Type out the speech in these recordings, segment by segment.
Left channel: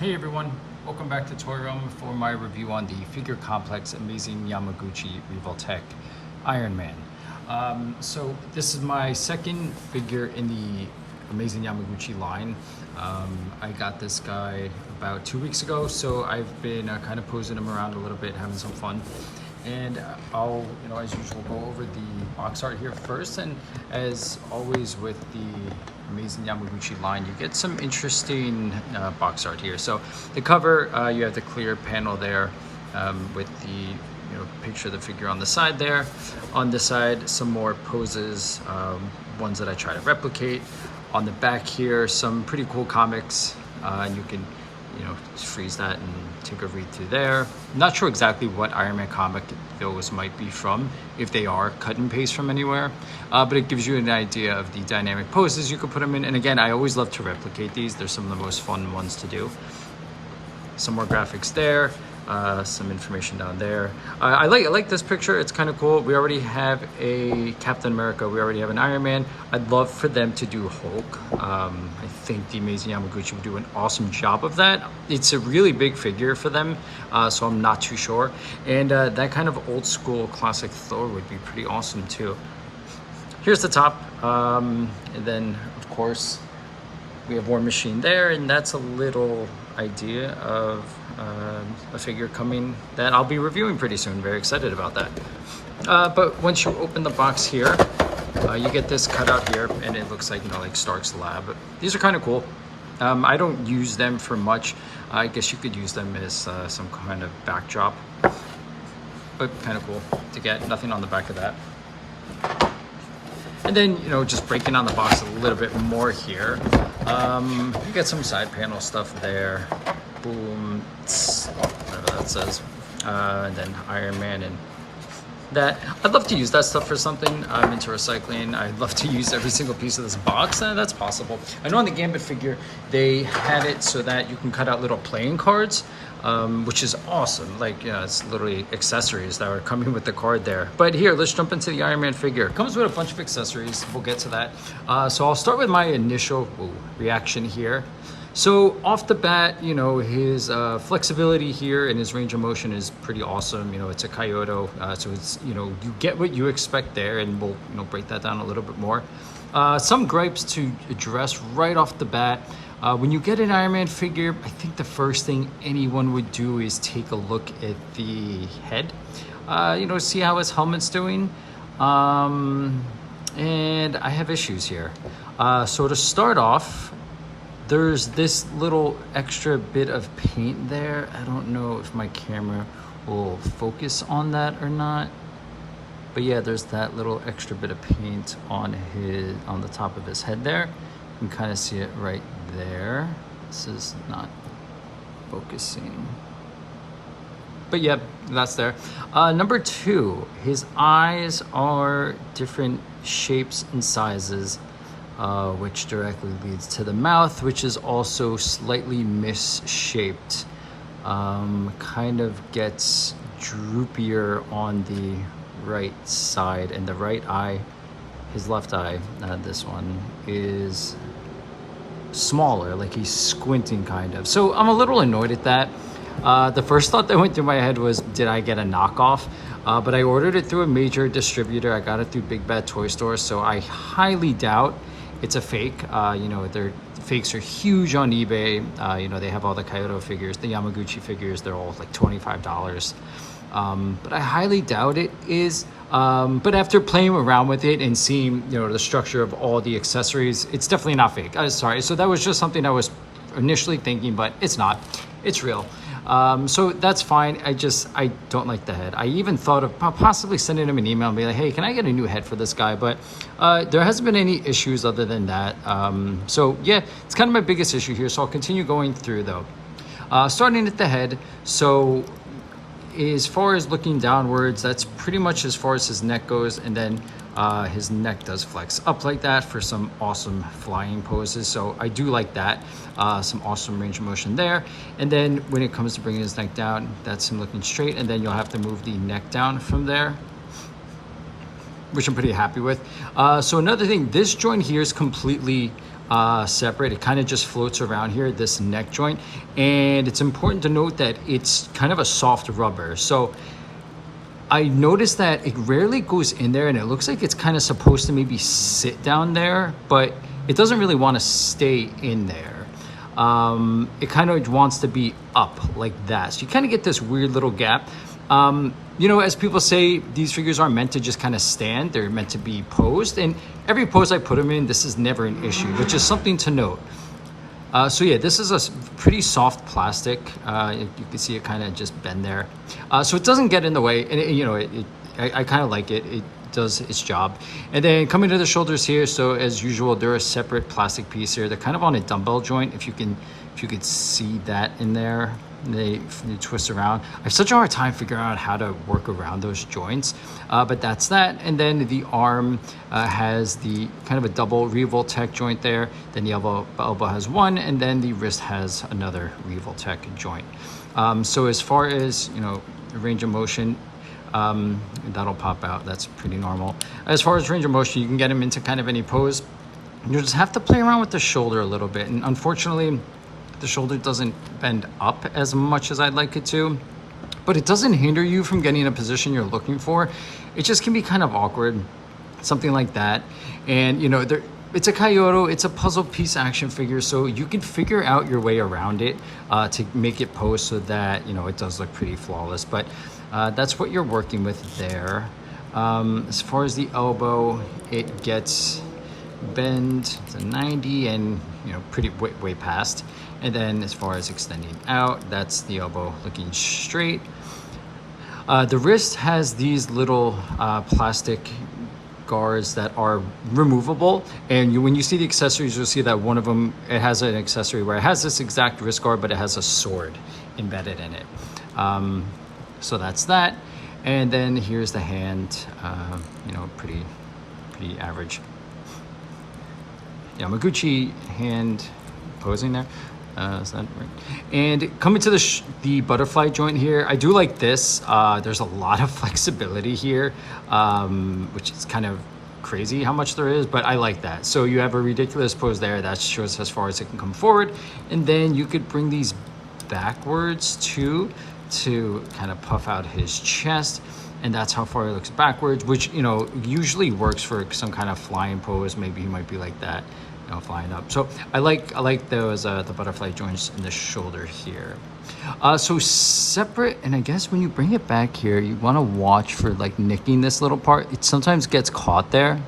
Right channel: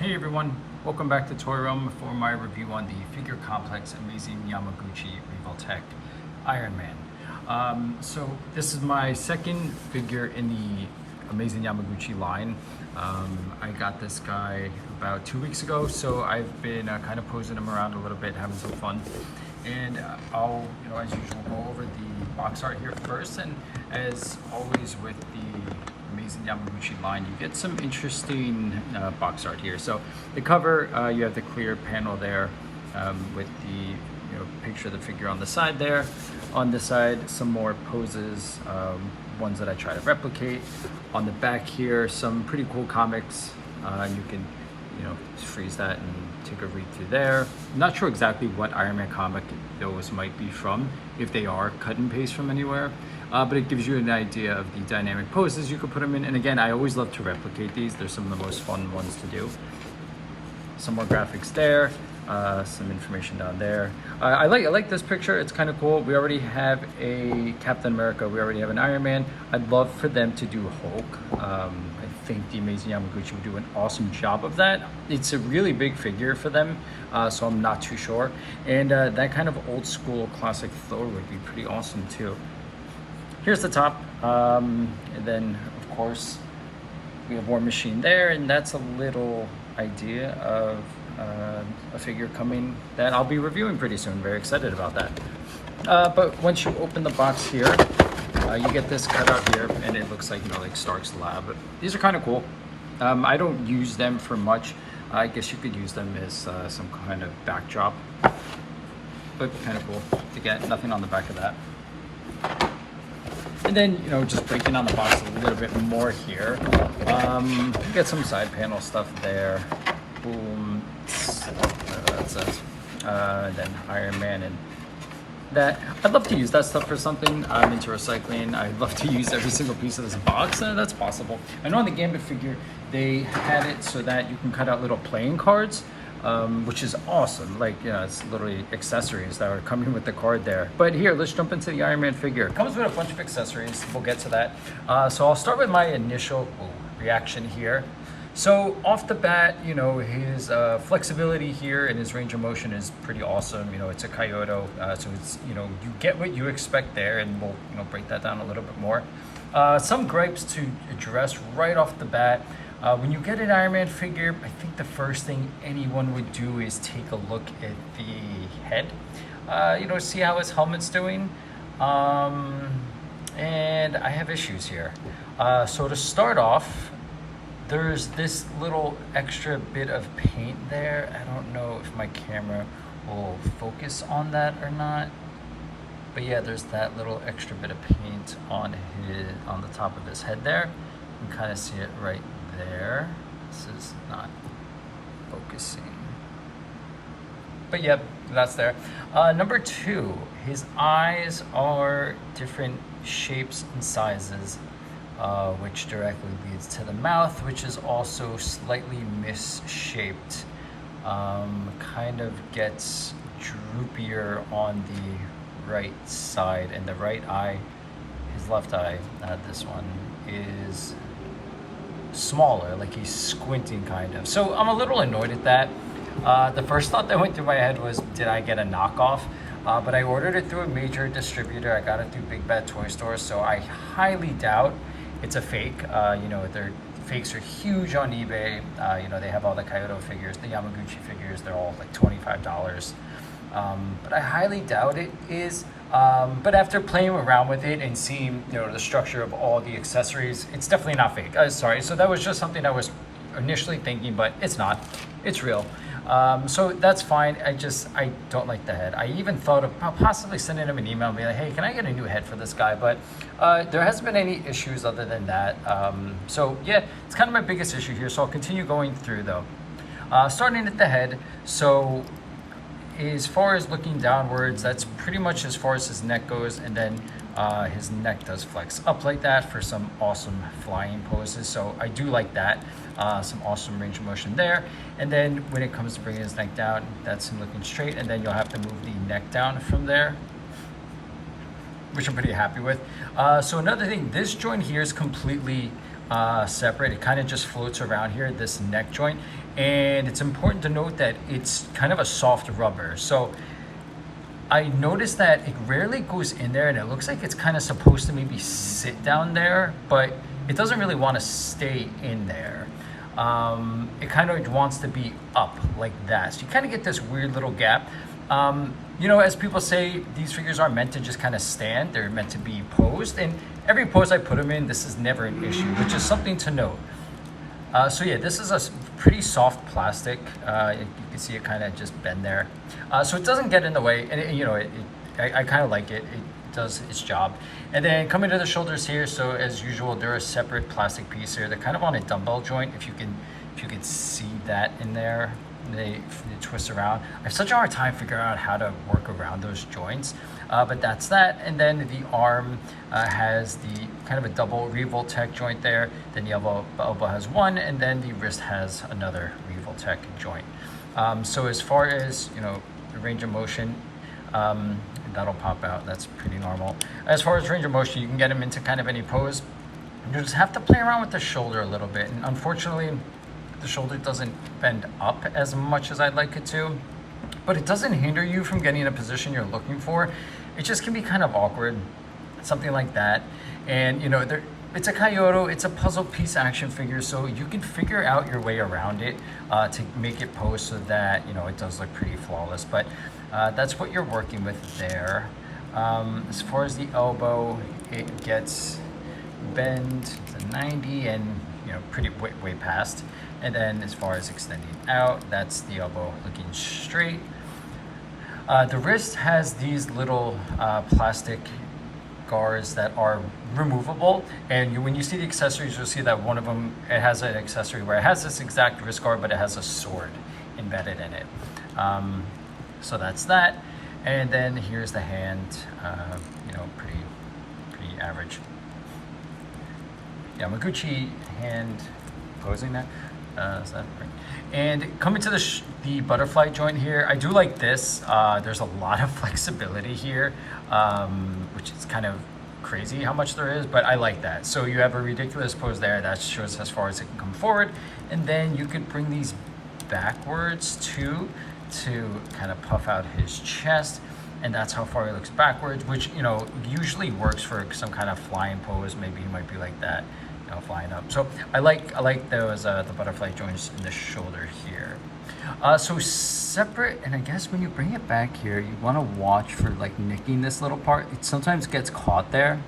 Hey everyone, welcome back to Toy Realm for my review on the figure complex Amazing Yamaguchi Revoltech Iron Man. So this is my second figure in the Amazing Yamaguchi line. I got this guy about 2 weeks ago, so I've been kind of posing him around a little bit, having some fun. And I'll, as usual, go over the box art here first. And as always with the Amazing Yamaguchi line, you get some interesting box art here. So the cover, you have the clear panel there with the picture of the figure on the side there. On the side, some more poses, ones that I try to replicate. On the back here, some pretty cool comics. You can just freeze that and take a read through there. Not sure exactly what Iron Man comic those might be from, if they are cut and paste from anywhere, but it gives you an idea of the dynamic poses you could put them in. And again, I always love to replicate these. They're some of the most fun ones to do. Some more graphics there, some information down there. I like this picture. It's kind of cool. We already have a Captain America. We already have an Iron Man. I'd love for them to do Hulk. I think the Amazing Yamaguchi would do an awesome job of that. It's a really big figure for them, so I'm not too sure. And that kind of old school classic Thor would be pretty awesome too. Here's the top, and then of course we have War Machine there, and that's a little idea of a figure coming that I'll be reviewing pretty soon. Very excited about that. But once you open the box here, you get this cutout here, and it looks like like Stark's lab. These are kind of cool. I don't use them for much. I guess you could use them as some kind of backdrop, but kind of cool to get. Nothing on the back of that. And then, just breaking on the box a little bit more here, you get some side panel stuff there. Boom, whatever that says. And then Iron Man and that. I'd love to use that stuff for something. I'm into recycling. I'd love to use every single piece of this box. That's possible. I know on the Gambit figure, they have it so that you can cut out little playing cards. Which is awesome. It's literally accessories that are coming with the card there. But here, let's jump into the Iron Man figure. It comes with a bunch of accessories. We'll get to that. So I'll start with my initial reaction here. So off the bat, his flexibility here and his range of motion is pretty awesome. It's a Kyoto, so it's, you get what you expect there, and we'll, break that down a little bit more. Some gripes to address right off the bat. When you get an Iron Man figure, I think the first thing anyone would do is take a look at the head, see how his helmet's doing. And I have issues here. So to start off, there's this little extra bit of paint there. I don't know if my camera will focus on that or not. But yeah, there's that little extra bit of paint on the top of his head there. You can kind of see it right there. This is not focusing. But yep, that's there. Number two, his eyes are different shapes and sizes, which directly leads to the mouth, which is also slightly misshaped. Kind of gets droopier on the right side, and the right eye, his left eye, this one, is smaller, like he's squinting kind of. So I'm a little annoyed at that. The first thought that went through my head was, did I get a knockoff? But I ordered it through a major distributor. I got it through Big Bad Toy Store, so I highly doubt it's a fake. Their fakes are huge on eBay. They have all the Kyoto figures, the Yamaguchi figures, they're all like $25. But I highly doubt it is. But after playing around with it and seeing, the structure of all the accessories, it's definitely not fake. Sorry. So that was just something I was initially thinking, but it's not. It's real. So that's fine. I don't like the head. I even thought of possibly sending him an email and be like, hey, can I get a new head for this guy? But there hasn't been any issues other than that. So yeah, it's kind of my biggest issue here. So I'll continue going through though. Starting at the head. So as far as looking downwards, that's pretty much as far as his neck goes, and then his neck does flex up like that for some awesome flying poses. So I do like that. Some awesome range of motion there. And then when it comes to bringing his neck down, that's him looking straight, and then you'll have to move the neck down from there, which I'm pretty happy with. So another thing, this joint here is completely separate. It kind of just floats around here, this neck joint. And it's important to note that it's kind of a soft rubber. So I noticed that it rarely goes in there, and it looks like it's kind of supposed to maybe sit down there, but it doesn't really want to stay in there. It kind of wants to be up like that. So you kind of get this weird little gap. You know, as people say, these figures aren't meant to just kind of stand. They're meant to be posed. And every pose I put them in, this is never an issue, which is something to note. So yeah, this is a pretty soft plastic. You can see it kind of just bend there. So it doesn't get in the way, and you know, I kind of like it. It does its job. And then coming to the shoulders here, so as usual, they're a separate plastic piece here. They're kind of on a dumbbell joint. If you could see that in there, they twist around. I have such a hard time figuring out how to work around those joints, but that's that. And then the arm has the kind of a double Revoltech joint there. Then the elbow has one, and then the wrist has another Revoltech joint. So as far as, you know, range of motion, that'll pop out. That's pretty normal. As far as range of motion, you can get them into kind of any pose. You just have to play around with the shoulder a little bit, and unfortunately the shoulder doesn't bend up as much as I'd like it to, but it doesn't hinder you from getting a position you're looking for. It just can be kind of awkward, something like that. And you know, it's a Kyoto, it's a puzzle piece action figure, so you can figure out your way around it to make it pose so that, you know, it does look pretty flawless. But that's what you're working with there. As far as the elbow, it gets bend to 90 and, you know, pretty way past. And then as far as extending out, that's the elbow looking straight. The wrist has these little plastic guards that are removable, and when you see the accessories, you'll see that one of them, it has an accessory where it has this exact wrist guard, but it has a sword embedded in it. So that's that. And then here's the hand, you know, pretty average Yamaguchi hand posing there. Is that right? And coming to the butterfly joint here, I do like this. There's a lot of flexibility here, which is kind of crazy how much there is, but I like that. So you have a ridiculous pose there that shows as far as it can come forward, and then you could bring these backwards too to kind of puff out his chest, and that's how far he looks backwards, which, you know, usually works for some kind of flying pose. Maybe he might be like that, you know, flying up. So I like those the butterfly joints in the shoulder here. So separate, and I guess when you bring it back here, you want to watch for like nicking this little part. It sometimes gets caught there.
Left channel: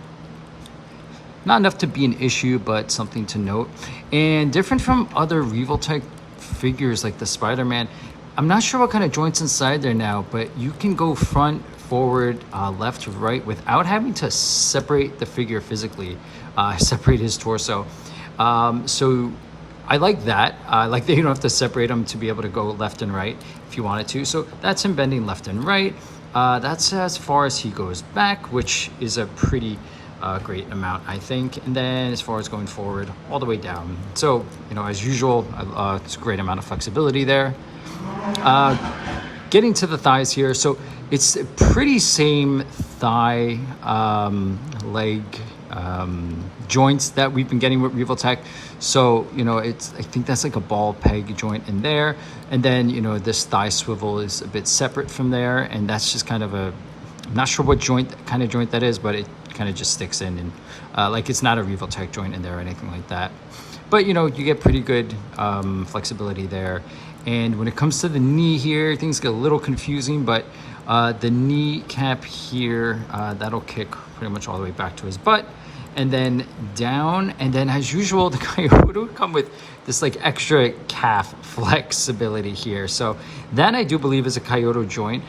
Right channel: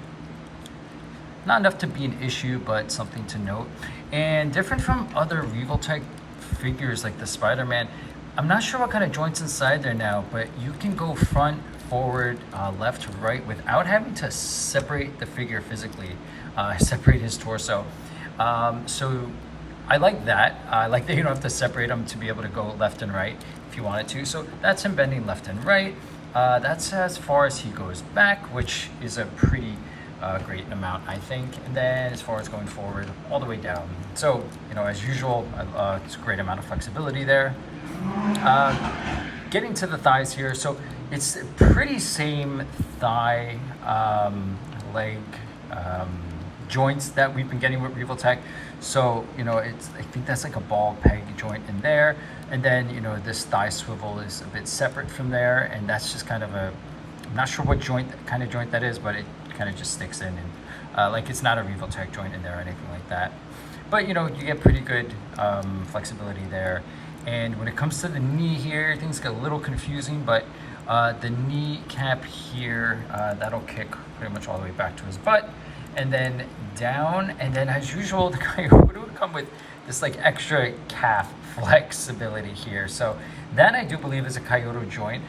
Not enough to be an issue, but something to note. And different from other Revoltech figures like the Spider-Man, I'm not sure what kind of joints inside there now, but you can go front, forward, left, right without having to separate the figure physically, separate his torso. So I like that. I like that you don't have to separate them to be able to go left and right if you wanted to. So that's him bending left and right. That's as far as he goes back, which is a pretty great amount, I think. And then as far as going forward, all the way down. So, you know, as usual, it's a great amount of flexibility there. Getting to the thighs here, so it's pretty same thigh leg joints that we've been getting with Revoltech. So, you know, I think that's like a ball peg joint in there, and then, you know, this thigh swivel is a bit separate from there, and that's just kind of I'm not sure what kind of joint that is, but it kind of just sticks in, and like it's not a Revoltech joint in there or anything like that. But, you know, you get pretty good flexibility there. And when it comes to the knee here, things get a little confusing, but the knee cap here, that'll kick pretty much all the way back to his butt, and then down. And then as usual, the Kyoto would come with this like extra calf flexibility here. So that I do believe is a Kyoto joint.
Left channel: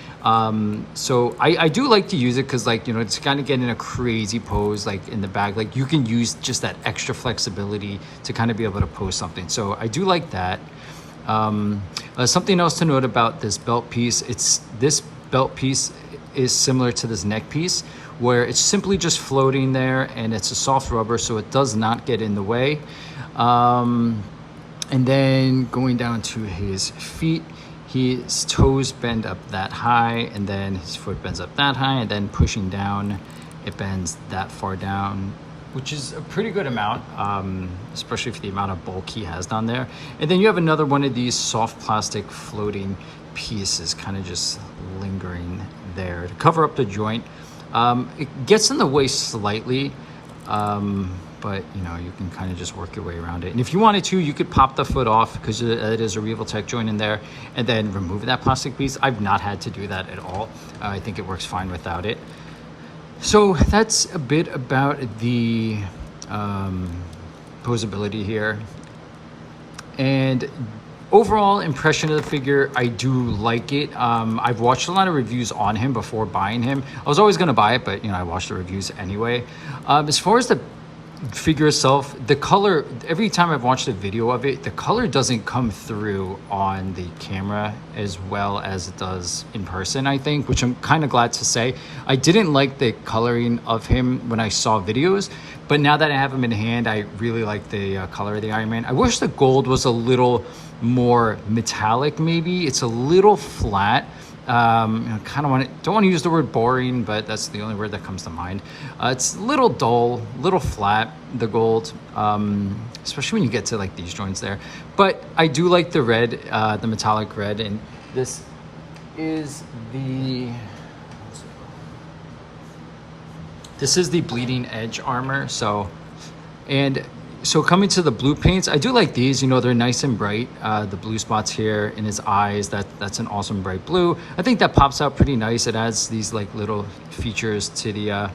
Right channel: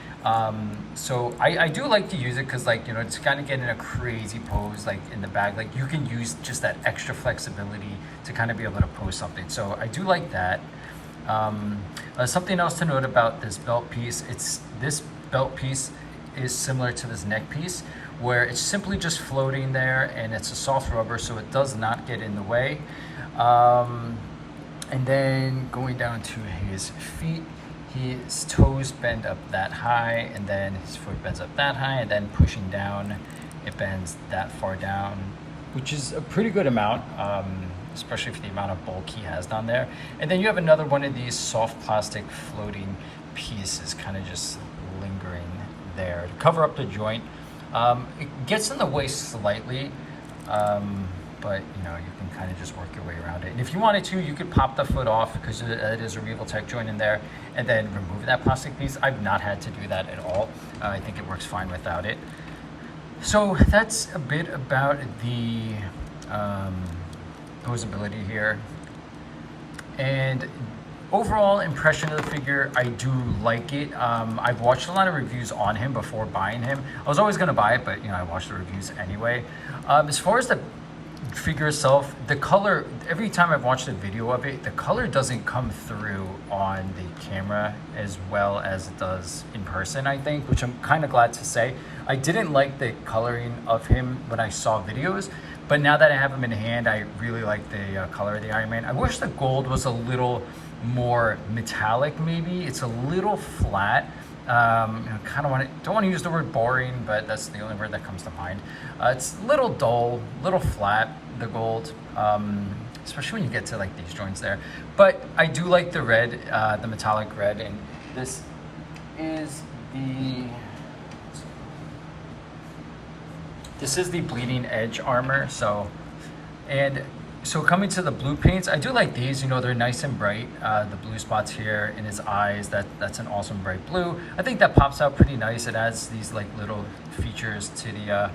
So I do like to use it because, like, you know, it's kind of getting a crazy pose like in the bag. Like you can use just that extra flexibility to kind of be able to pose something. So I do like that. Something else to note about this belt piece, this belt piece is similar to this neck piece, where it's simply just floating there, and it's a soft rubber, so it does not get in the way. And then going down to his feet, his toes bend up that high, and then his foot bends up that high, and then pushing down, it bends that far down which is a pretty good amount, especially for the amount of bulk he has down there. And then you have another one of these soft plastic floating pieces kind of just lingering there to cover up the joint. It gets in the way slightly, but you know, you can kind of just work your way around it. And if you wanted to, you could pop the foot off because it is a Revoltech joint in there, and then remove that plastic piece. I've not had to do that at all. I think it works fine without it. So that's a bit about the posability here. And overall impression of the figure, I do like it. I've watched a lot of reviews on him before buying him. I was always gonna buy it, but you know, I watched the reviews anyway. As far as the figure itself, the color, every time I've watched a video of it, the color doesn't come through on the camera as well as it does in person, I think, which I'm kind of glad to say. I didn't like the coloring of him when I saw videos, but now that I have him in hand, I really like the color of the Iron Man. I wish the gold was a little more metallic, maybe. It's a little flat. I kind of don't want to use the word boring, but that's the only word that comes to mind. It's a little dull, little flat, the gold, especially when you get to like these joints there. But I do like the red, the metallic red, and this is the bleeding edge armor. So coming to the blue paints, I do like these. You know, they're nice and bright. The blue spots here in his eyes, that's an awesome bright blue. I think that pops out pretty nice. It adds these like little features to the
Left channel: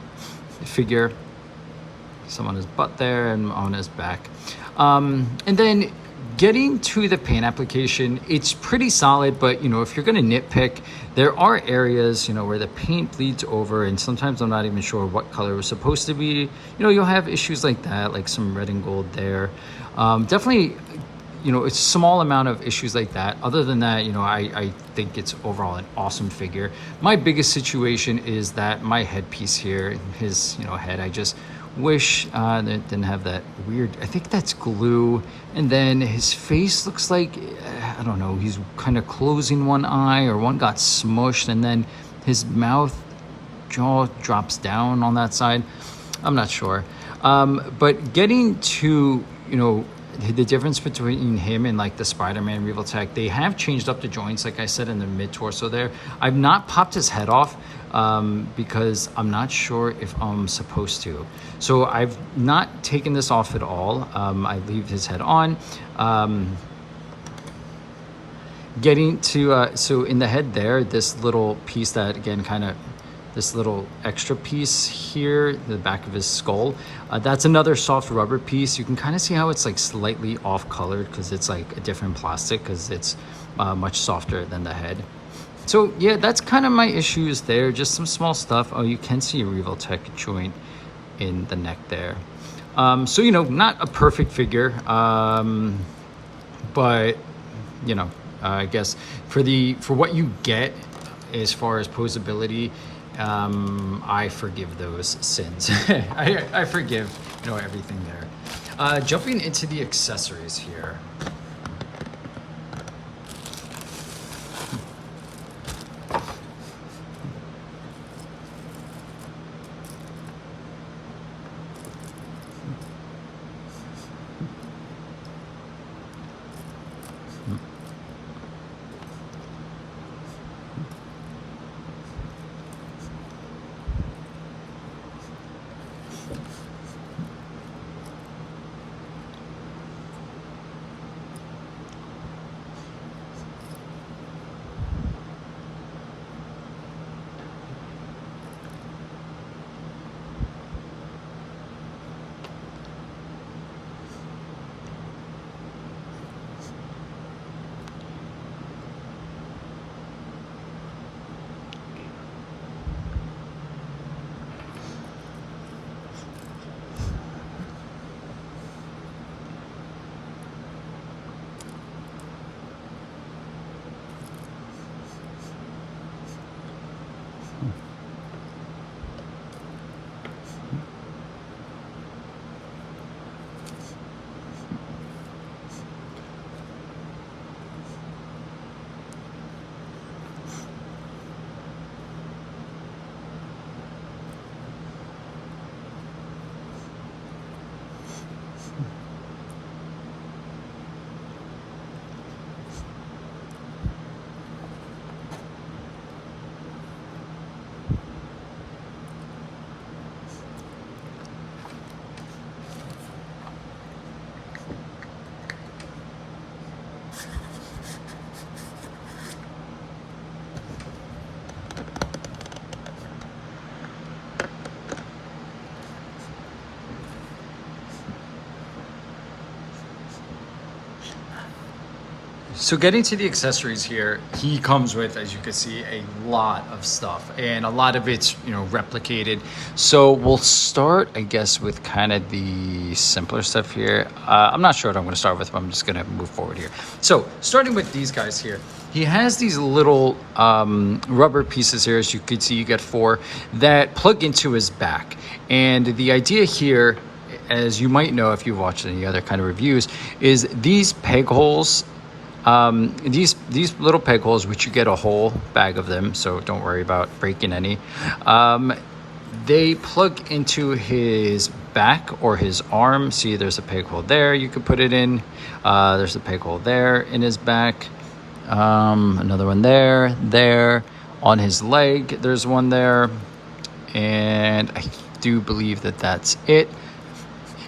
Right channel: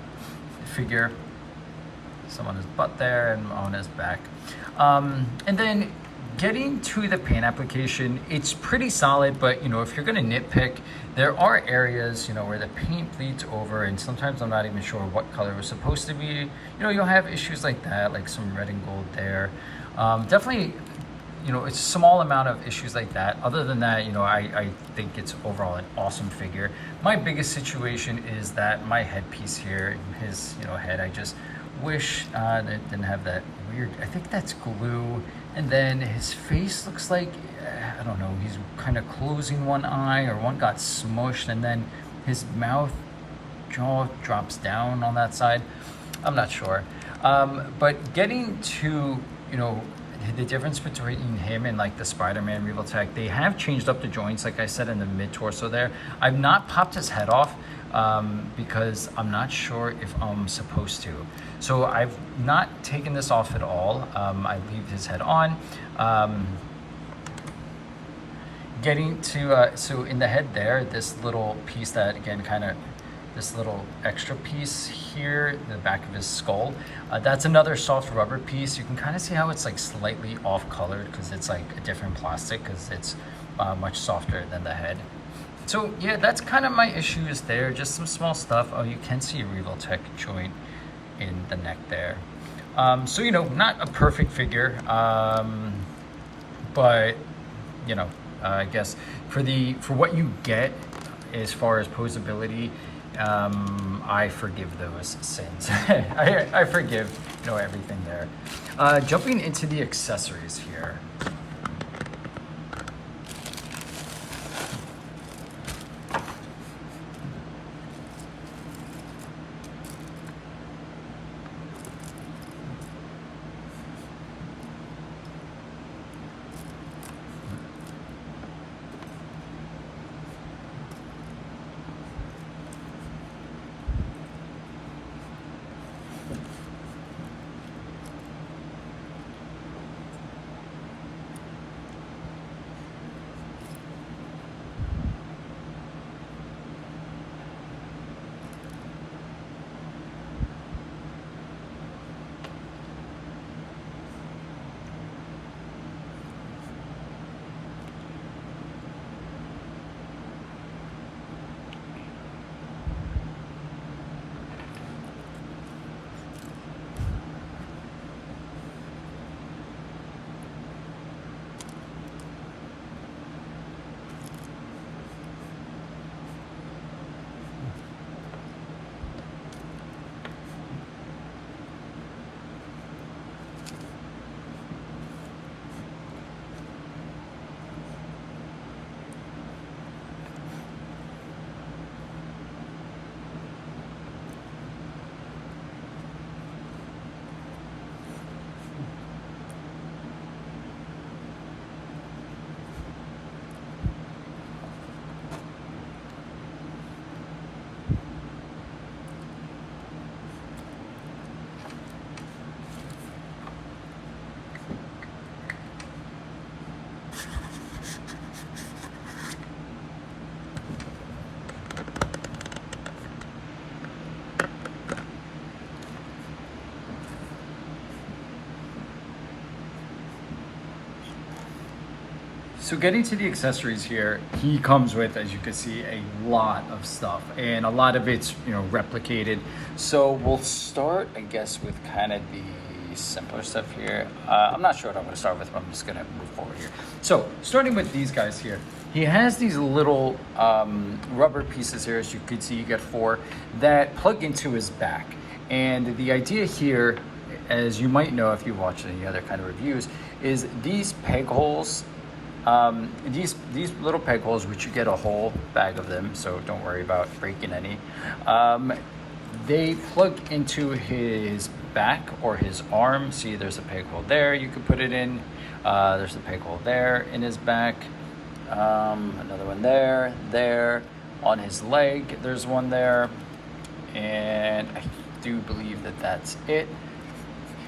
figure. Some on his butt there and on his back. And then getting to the paint application, it's pretty solid, but you know, if you're gonna nitpick, there are areas, you know, where the paint bleeds over, and sometimes I'm not even sure what color it was supposed to be. You know, you'll have issues like that, like some red and gold there. Definitely, you know, it's a small amount of issues like that. Other than that, you know, I think it's overall an awesome figure. My biggest situation is that my headpiece here, his, you know, head, I just wish that it didn't have that weird, I think that's glue. And then his face looks like, I don't know, he's kind of closing one eye, or one got smushed, and then his mouth jaw drops down on that side. I'm not sure. But getting to, you know, the difference between him and like the Spider-Man Revoltech, they have changed up the joints, like I said, in the mid-torso there. I've not popped his head off because I'm not sure if I'm supposed to. So I've not taken this off at all. I leave his head on. Getting to, so in the head there, this little piece that, again, kind of, this little extra piece here, the back of his skull, that's another soft rubber piece. You can kind of see how it's like slightly off colored because it's like a different plastic, because it's much softer than the head. So yeah, that's kind of my issues there, just some small stuff. Oh, you can see a Revoltech joint in the neck there. So, you know, not a perfect figure, but, you know, I guess for what you get as far as posability, I forgive those sins. I forgive, you know, everything there. Jumping into the accessories here. So getting to the accessories here, he comes with, as you can see, a lot of stuff, and a lot of it's, you know, replicated. So we'll start, I guess, with kind of the simpler stuff here. I'm not sure what I'm going to start with, but I'm just going to move forward here. So starting with these guys here, he has these little rubber pieces here, as you can see, you get 4 that plug into his back. And the idea here, as you might know if you've watched any other kind of reviews, is these peg holes. These little peg holes, which you get a whole bag of them, so don't worry about breaking any. They plug into his back or his arm. See, there's a peg hole there you could put it in. There's a peg hole there in his back. Another one there. On his leg, there's one there. And I do believe that that's it.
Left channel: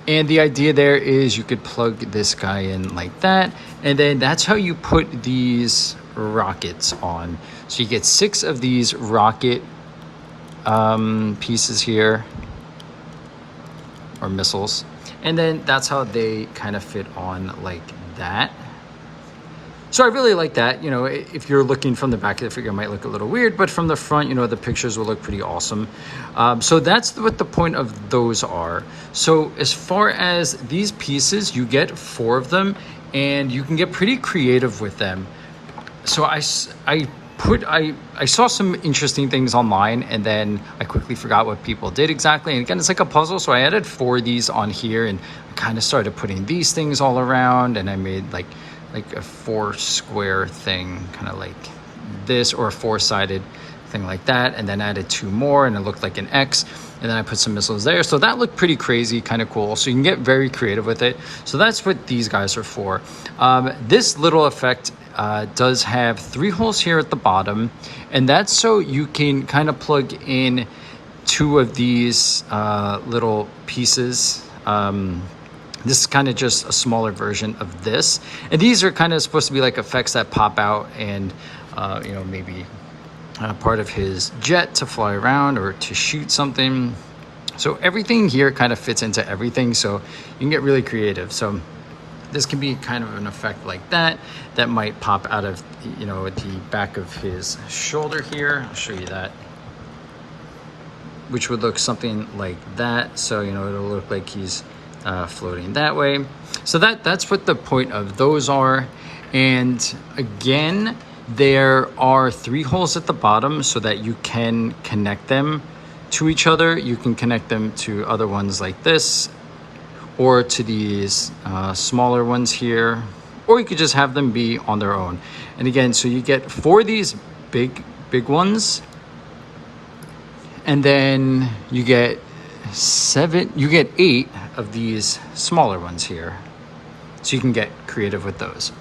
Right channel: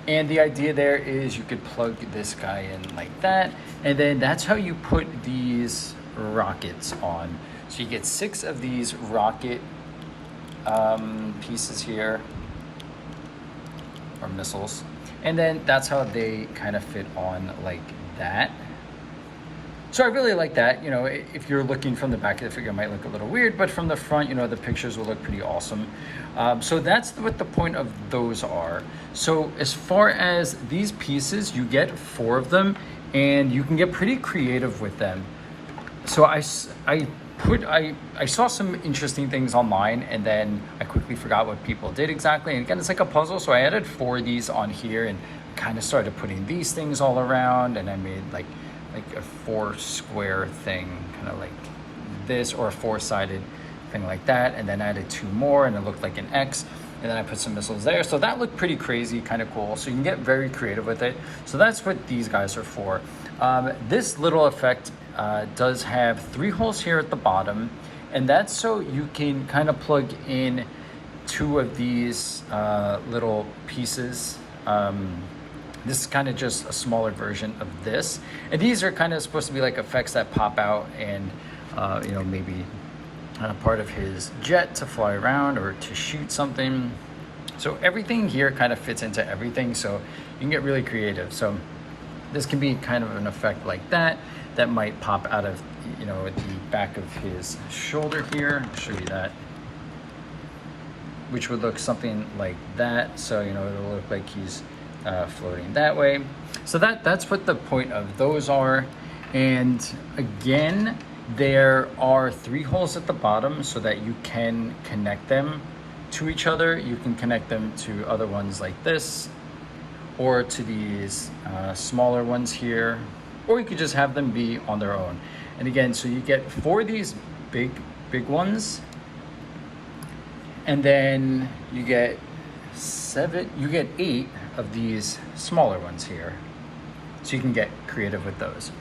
And the idea there is you could plug this guy in like that, and then that's how you put these rockets on. So you get 6 of these rocket pieces here, or missiles, and then that's how they kind of fit on like that. So I really like that. You know, if you're looking from the back of the figure, it might look a little weird, but from the front, you know, the pictures will look pretty awesome. So that's what the point of those are. So as far as these pieces, you get 4 of them, and you can get pretty creative with them. So I saw some interesting things online, and then I quickly forgot what people did exactly. And again, it's like a puzzle. So I added 4 of these on here, and kind of started putting these things all around, and I made like a 4 square thing, kind of like this, or a 4-sided thing like that, and then added 2 more, and it looked like an X, and then I put some missiles there. So that looked pretty crazy, kind of cool. So you can get very creative with it. So that's what these guys are for. This little effect does have 3 holes here at the bottom, and that's so you can kind of plug in 2 of these little pieces. This is kind of just a smaller version of this. And these are kind of supposed to be like effects that pop out, and, you know, maybe part of his jet to fly around or to shoot something. So everything here kind of fits into everything. So you can get really creative. So this can be kind of an effect like that might pop out of, you know, the back of his shoulder here. I'll show you that, which would look something like that. So, you know, it'll look like he's floating that way. So that's what the point of those are. And again, there are 3 holes at the bottom so that you can connect them to each other. You can connect them to other ones like this, or to these smaller ones here, or you could just have them be on their own. And again, so you get 4 of these big ones, and then you get 8 of these smaller ones here. So you can get creative with those.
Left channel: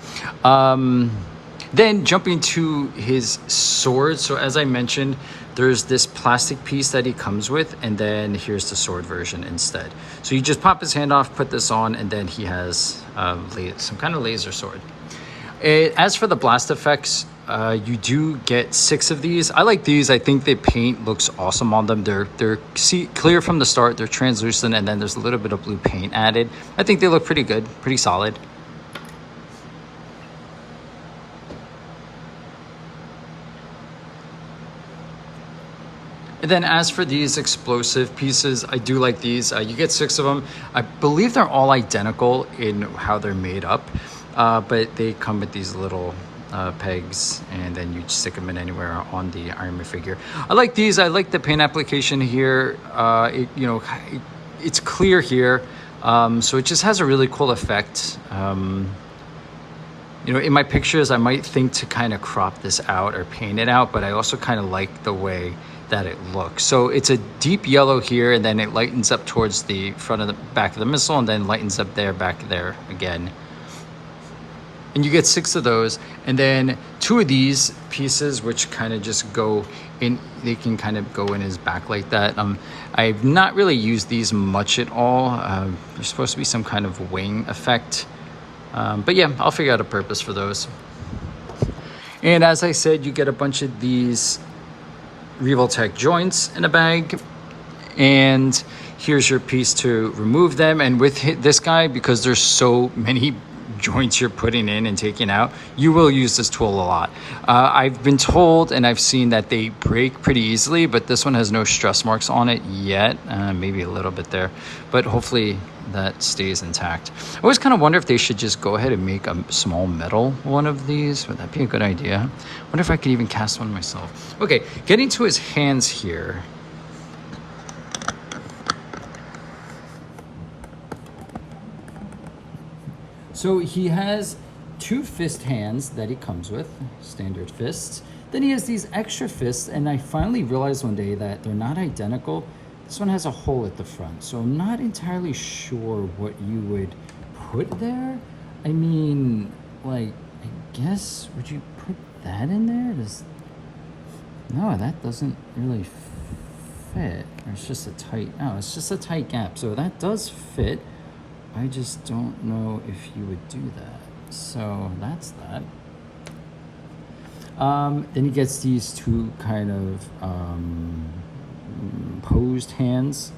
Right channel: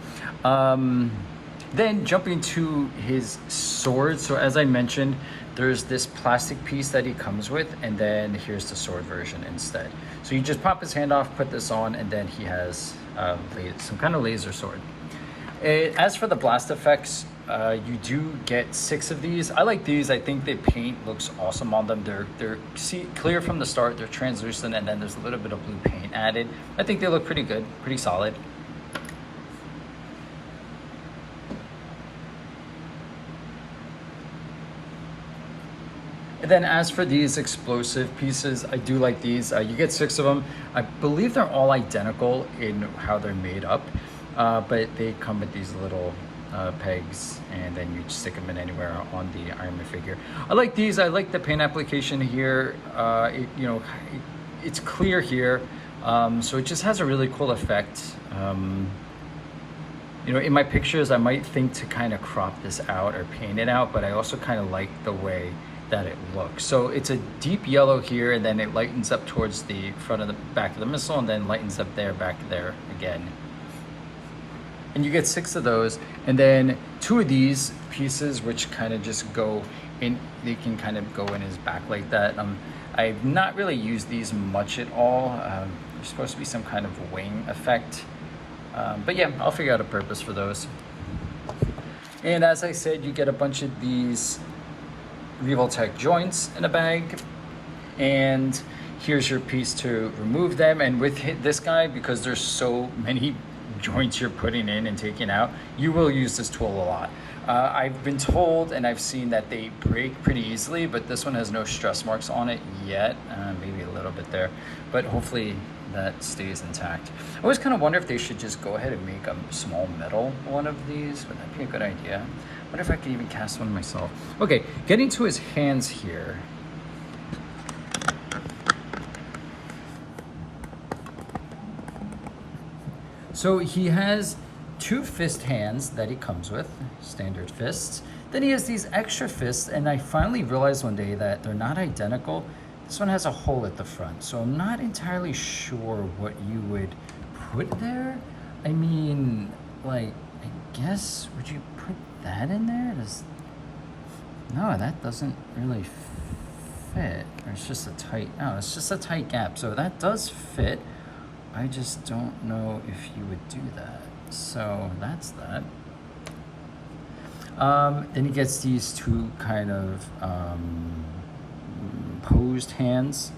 Then jumping to his sword. So as I mentioned, there's this plastic piece that he comes with, and then here's the sword version instead. So you just pop his hand off, put this on, and then he has some kind of laser sword. As for the blast effects, you do get 6 of these. I like these. I think the paint looks awesome on them. They're clear from the start. They're translucent, and then there's a little bit of blue paint added. I think they look pretty good, pretty solid. And then as for these explosive pieces, I do like these. You get 6 of them. I believe they're all identical in how they're made up, but they come with these little pegs, and then you stick them in anywhere on the Iron Man figure. I like these. I like the paint application here. It's clear here, so it just has a really cool effect. You know, in my pictures, I might think to kind of crop this out or paint it out, but I also kind of like the way that it looks. So it's a deep yellow here, and then it lightens up towards the front of the back of the missile, and then lightens up there, back there again. And you get 6 of those, and then 2 of these pieces, which kind of just go in. They can kind of go in his back like that. I've not really used these much at all. There's supposed to be some kind of wing effect, but yeah, I'll figure out a purpose for those. And as I said, you get a bunch of these Revoltech joints in a bag, and here's your piece to remove them. And with this guy, because there's so many joints you're putting in and taking out, you will use this tool a lot. I've been told and I've seen that they break pretty easily, but this one has no stress marks on it yet. Maybe a little bit there, but hopefully that stays intact. I always kind of wonder if they should just go ahead and make a small metal one of these. Would that be a good idea? I wonder if I could even cast one myself. Okay, getting to his hands here. So he has 2 fist hands that he comes with, standard fists. Then he has these extra fists, and I finally realized one day that they're not identical. This one has a hole at the front, so I'm not entirely sure what you would put there. I mean, like, I guess, would you put that in there? No, that doesn't really fit. Or it's just a tight, no, it's just a tight gap. So that does fit. I just don't know if you would do that. So that's that. Then he gets these 2 kind of posed hands,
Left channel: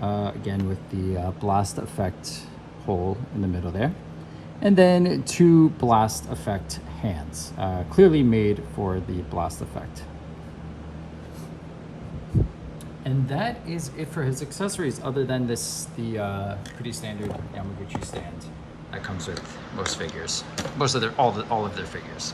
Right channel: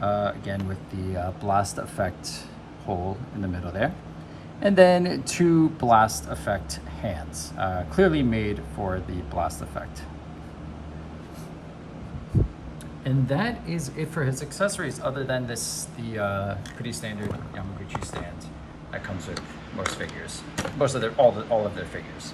again with the blast effect hole in the middle there, and then 2 blast effect hands, clearly made for the blast effect. And that is it for his accessories, other than the pretty standard Yamaguchi stand that comes with most figures, all of their figures.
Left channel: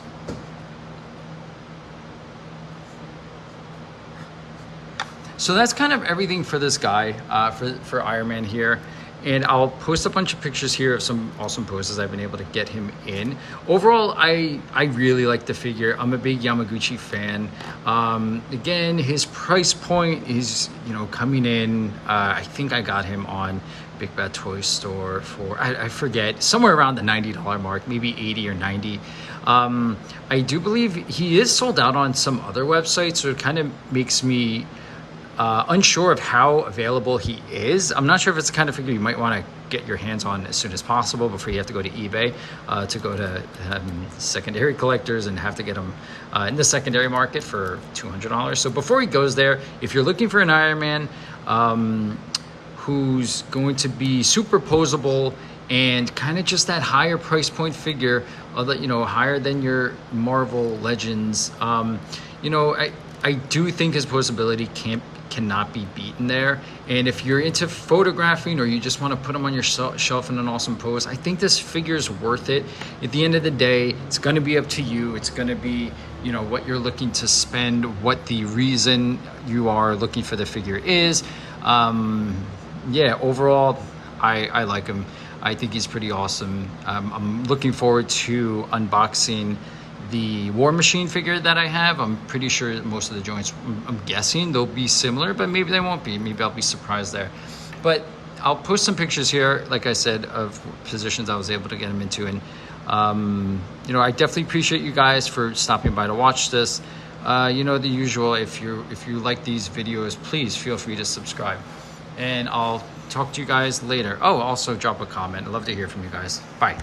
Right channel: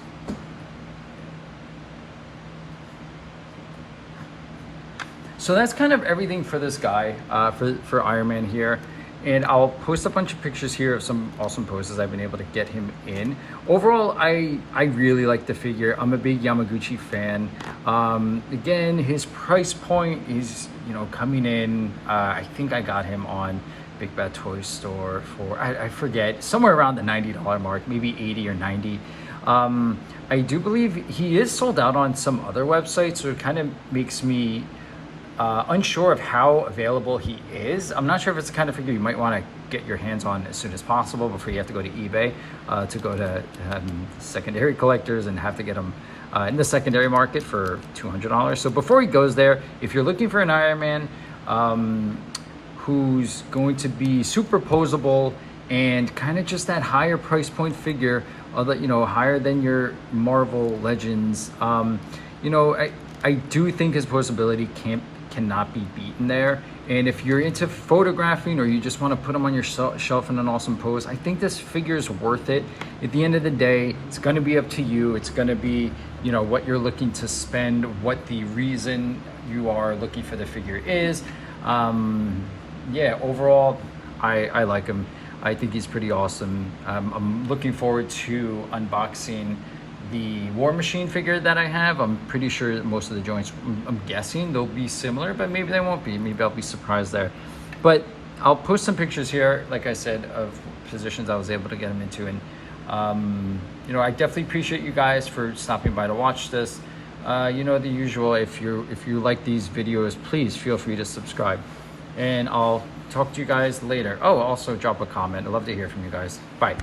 So that's kind of everything for this guy, for Iron Man here. And I'll post a bunch of pictures here of some awesome poses I've been able to get him in. Overall, I really like the figure. I'm a big Yamaguchi fan. Again, his price point is, coming in, I think I got him on Big Bad Toy Store for, I forget, somewhere around the $90 mark, maybe 80 or 90. I do believe he is sold out on some other websites, so it kind of makes me unsure of how available he is. I'm not sure if it's the kind of figure you might want to get your hands on as soon as possible before you have to go to eBay to go to secondary collectors and have to get them in the secondary market for $200. So before he goes there, if you're looking for an Iron Man who's going to be super posable and kind of just that higher price point figure, higher than your Marvel Legends, I do think his posability cannot be beaten there. And if you're into photographing or you just want to put them on your shelf in an awesome pose, I think this figure is worth it. At the end of the day, it's going to be up to you. It's going to be, what you're looking to spend, what the reason you are looking for the figure is. Overall, I like him. I think he's pretty awesome. I'm looking forward to unboxing the War Machine figure that I have. I'm pretty sure most of the joints, I'm guessing they'll be similar, but maybe they won't be. Maybe I'll be surprised there. But I'll post some pictures here, like I said, of positions I was able to get them into. And, I definitely appreciate you guys for stopping by to watch this. The usual, if you like these videos, please feel free to subscribe. And I'll talk to you guys later. Oh, also drop a comment. I'd love to hear from you guys. Bye.